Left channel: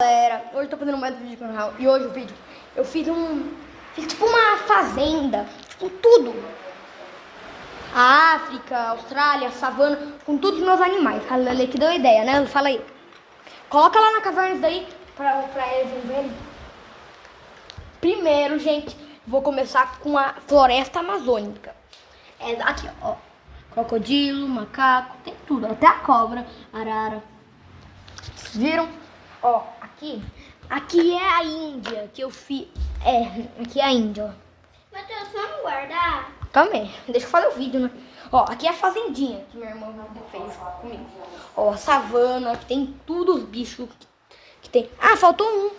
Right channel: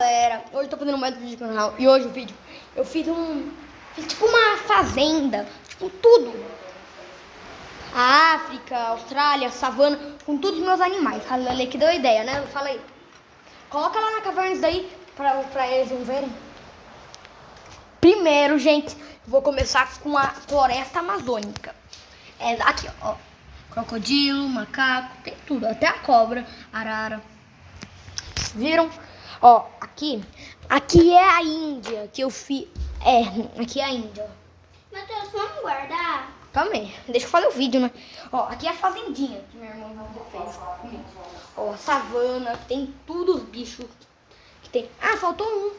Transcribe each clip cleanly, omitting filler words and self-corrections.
Galera, hoje eu tô fazendo mais um vídeo no canal. E hoje o vídeo eu fiz tipo uma fazenda, tipo tudo. A África, a Austrália, a savana, com todos os meus animais. A Lele que deu a ideia, né? Fala aí. Coloca lá na caverna isso daí pra eles verem. Primeiro, gente, vou começar com a floresta amazônica. É aqui, ó. Crocodilo, macaco, tem tudo. Até a cobra, arara. Viram? Ó, aqui é a Índia que eu fiz. Aqui é a Índia, ó. Matheus, vamos guardar? Calma aí, deixa eu fazer o vídeo, né? Ó, aqui é a fazendinha que minha irmã fez comigo. Ó, savana, que tem tudo os bichos que tem. Ah, faltou um.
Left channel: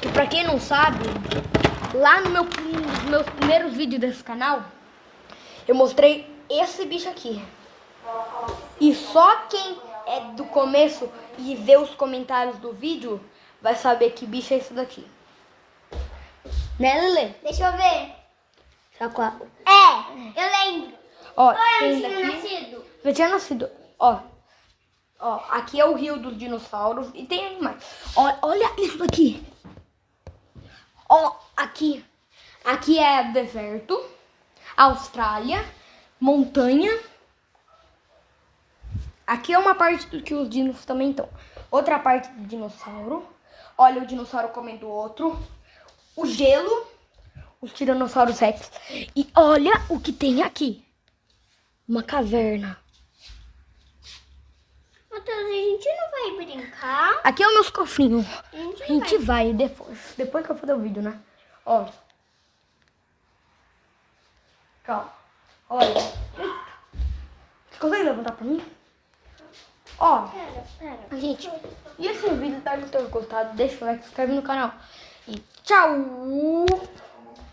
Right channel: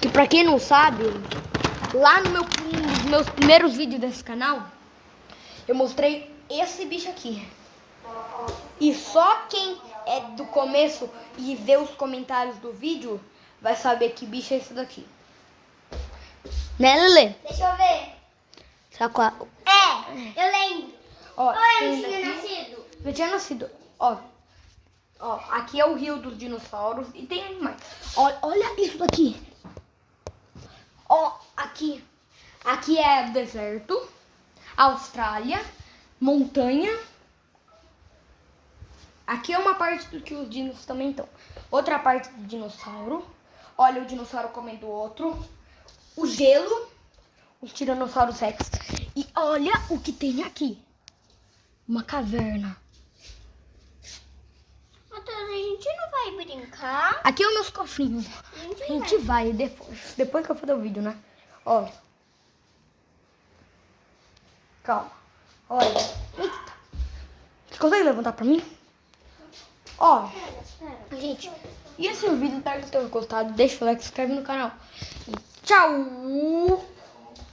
Que pra quem não sabe, lá no nos meus primeiros vídeos desse canal, eu mostrei esse bicho aqui. E só quem é do começo e vê os comentários do vídeo vai saber que bicho é esse daqui. Né, Lelê? Deixa eu ver. Saco. Eu lembro. Ó, Eu tinha tem daqui. nascido. Eu tinha nascido. Ó, aqui é o rio dos dinossauros e tem animais. Olha isso daqui. Ó, aqui é deserto, Austrália, montanha. Aqui é uma parte do que os dinos também estão. Outra parte do dinossauro. Olha o dinossauro comendo o outro. O gelo. Os tiranossauros rex. E olha o que tem aqui. Uma caverna. Matheus, a gente não vai brincar? Aqui é os meus cofrinhos. A A gente vai depois que eu fazer o vídeo, né? Ó. Calma. Olha. Eita. Você consegue levantar pra mim? Ó. Pera. Gente, e esse vídeo, espero que tenham gostado. Deixa o like, se inscreve no canal. E tchau!